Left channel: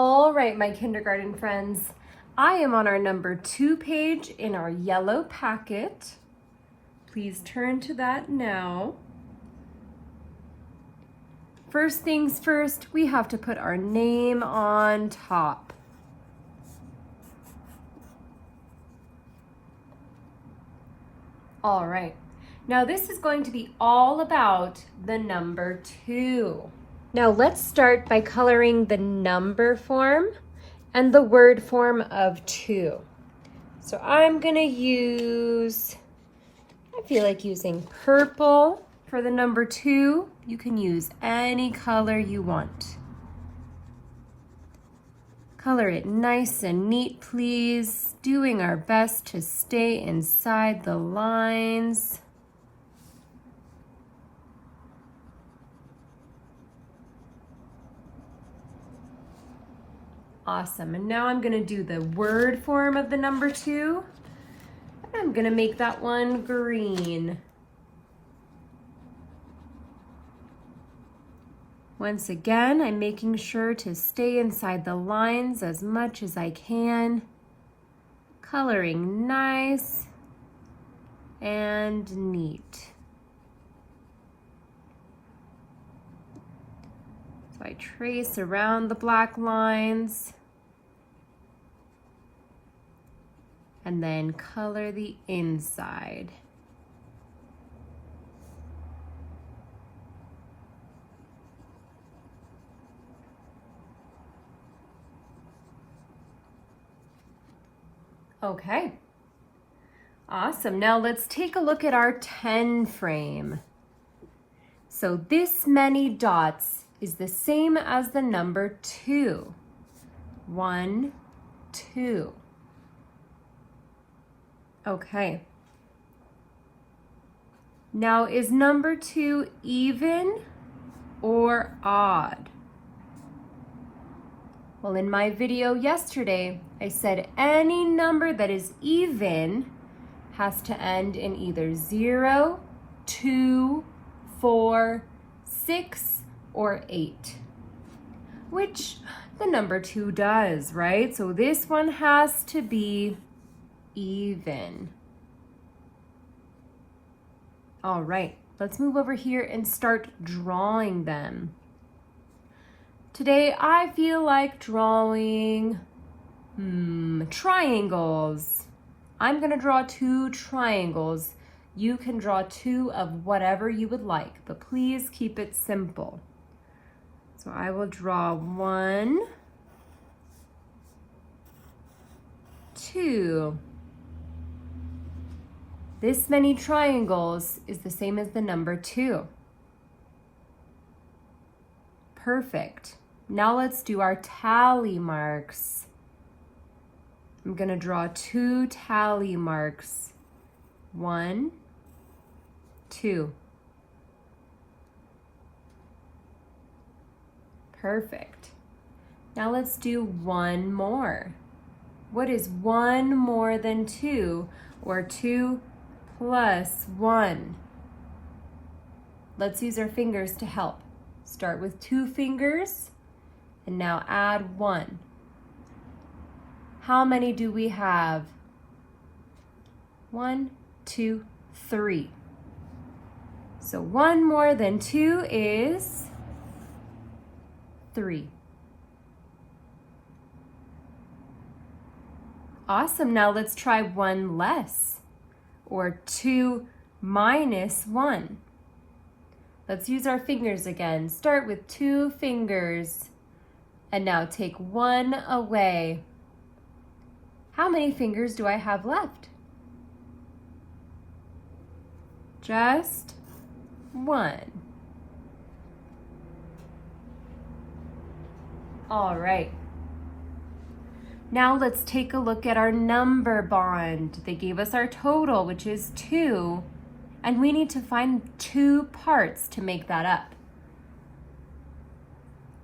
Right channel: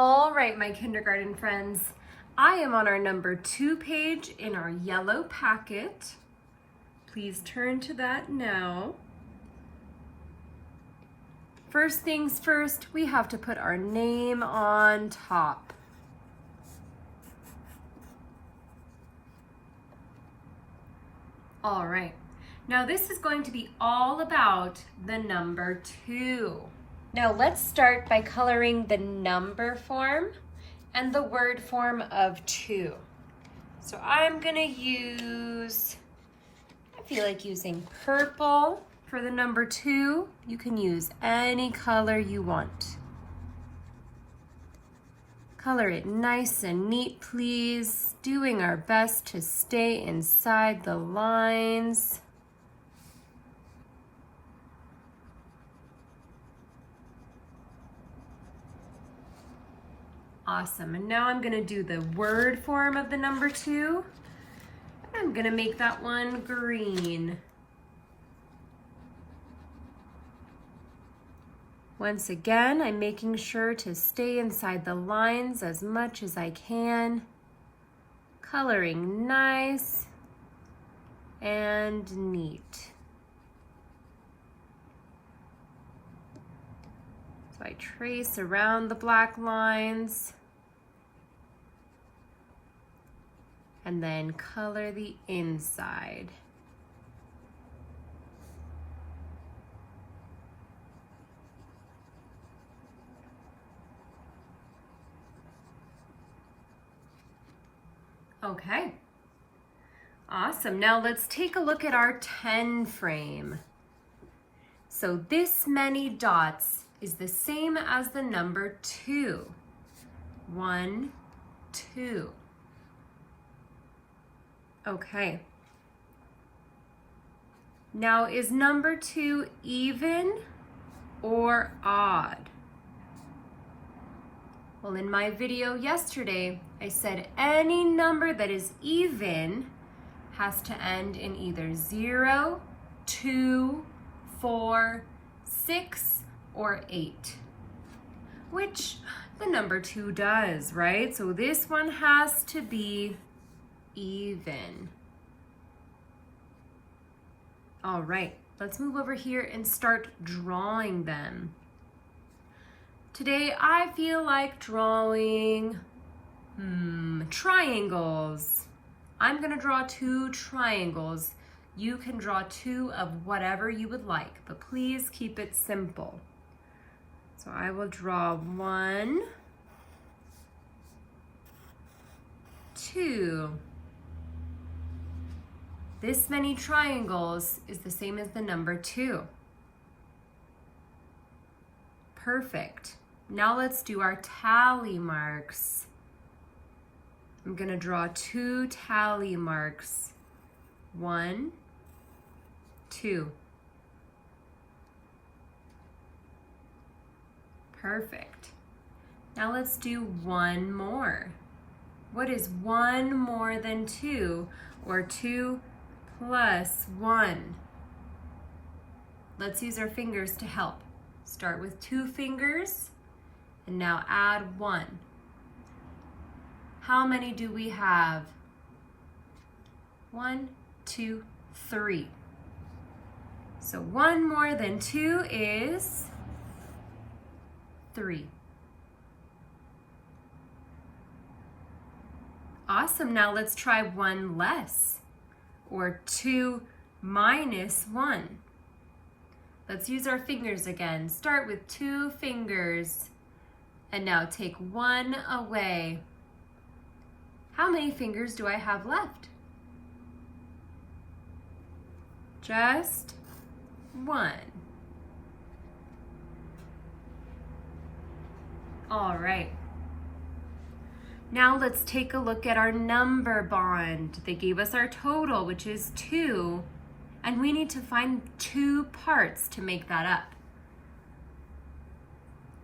All right, my kindergarten friends, I am on our number 2 page in our yellow packet. Please turn to that now. First things first, we have to put our name on top. All right, now this is going to be all about the number 2. Now let's start by coloring the number form and the word form of 2. So I'm gonna use, I feel like using purple for the number 2. You can use any color you want. Color it nice and neat, please. Doing our best to stay inside the lines. Awesome, and now I'm gonna do the word form of the number 2. I'm gonna make that one green. Once again, I'm making sure to stay inside the lines as much as I can. Coloring nice and neat. So I trace around the black lines and then color the inside. Okay, awesome. Now let's take a look at our 10 frame. So this many dots is the same as the number 2. 1, 2. Okay. Now is number 2 even or odd? Well, in my video yesterday, I said any number that is even has to end in either 0, 2, 4, 6, or 8, which the number 2 does, right? So this one has to be even. All right, let's move over here and start drawing them. Today, I feel like drawing triangles. I'm gonna draw 2 triangles. You can draw 2 of whatever you would like, but please keep it simple. So I will draw 1, 2. This many triangles is the same as the number 2. Perfect. Now let's do our tally marks. I'm gonna draw 2 tally marks. 1, 2. Perfect. Now let's do 1 more. What is 1 more than 2, or 2 plus 1? Let's use our fingers to help. Start with 2 fingers, and now add 1. How many do we have? 1, 2, 3. So 1 more than 2 is 3. Awesome, now let's try 1 less, or 2 minus 1. Let's use our fingers again. Start with 2 fingers, and now take 1 away. How many fingers do I have left? Just 1. All right. Now let's take a look at our number bond. They gave us our total, which is 2, and we need to find 2 parts to make that up.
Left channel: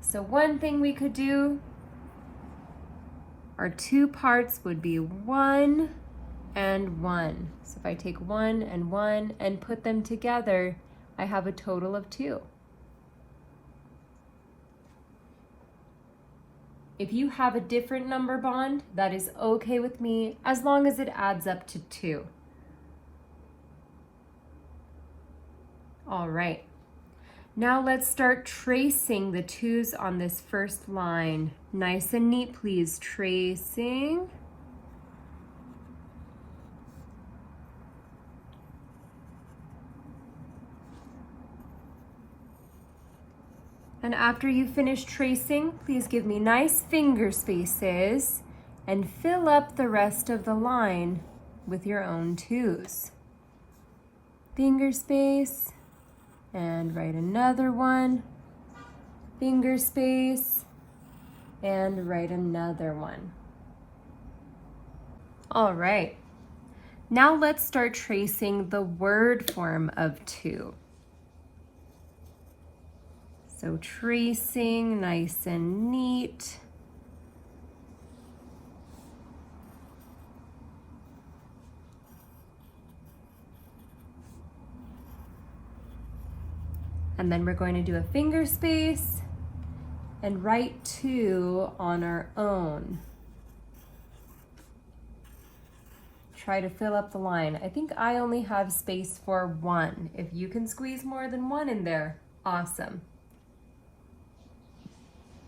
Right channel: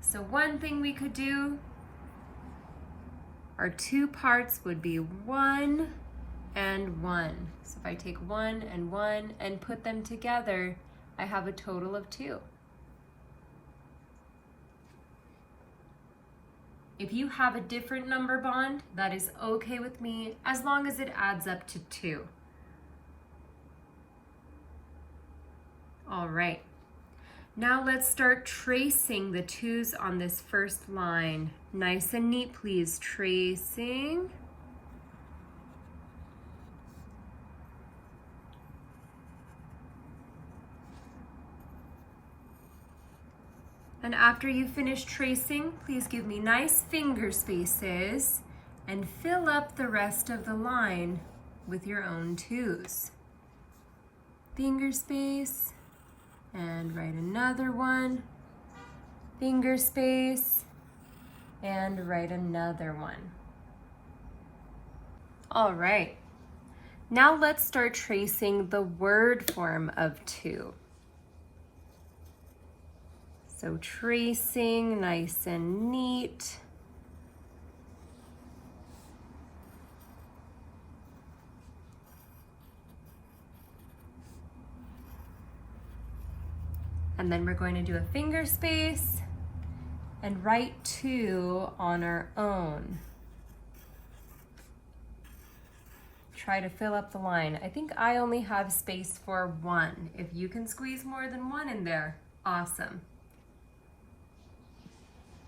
So one thing we could do, our 2 parts would be 1 and 1. So if I take 1 and put them together, I have a total of 2. If you have a different number bond, that is okay with me as long as it adds up to 2. All right. Now let's start tracing the 2's on this first line. Nice and neat, please. Tracing. And after you finish tracing, please give me nice finger spaces and fill up the rest of the line with your own 2's. Finger space, and write another one. Finger space, and write another one. All right. Now let's start tracing the word form of 2. So tracing nice and neat. And then we're going to do a finger space and write 2 on our own. Try to fill up the line. I think I only have space for 1. If you can squeeze more than 1 in there, awesome.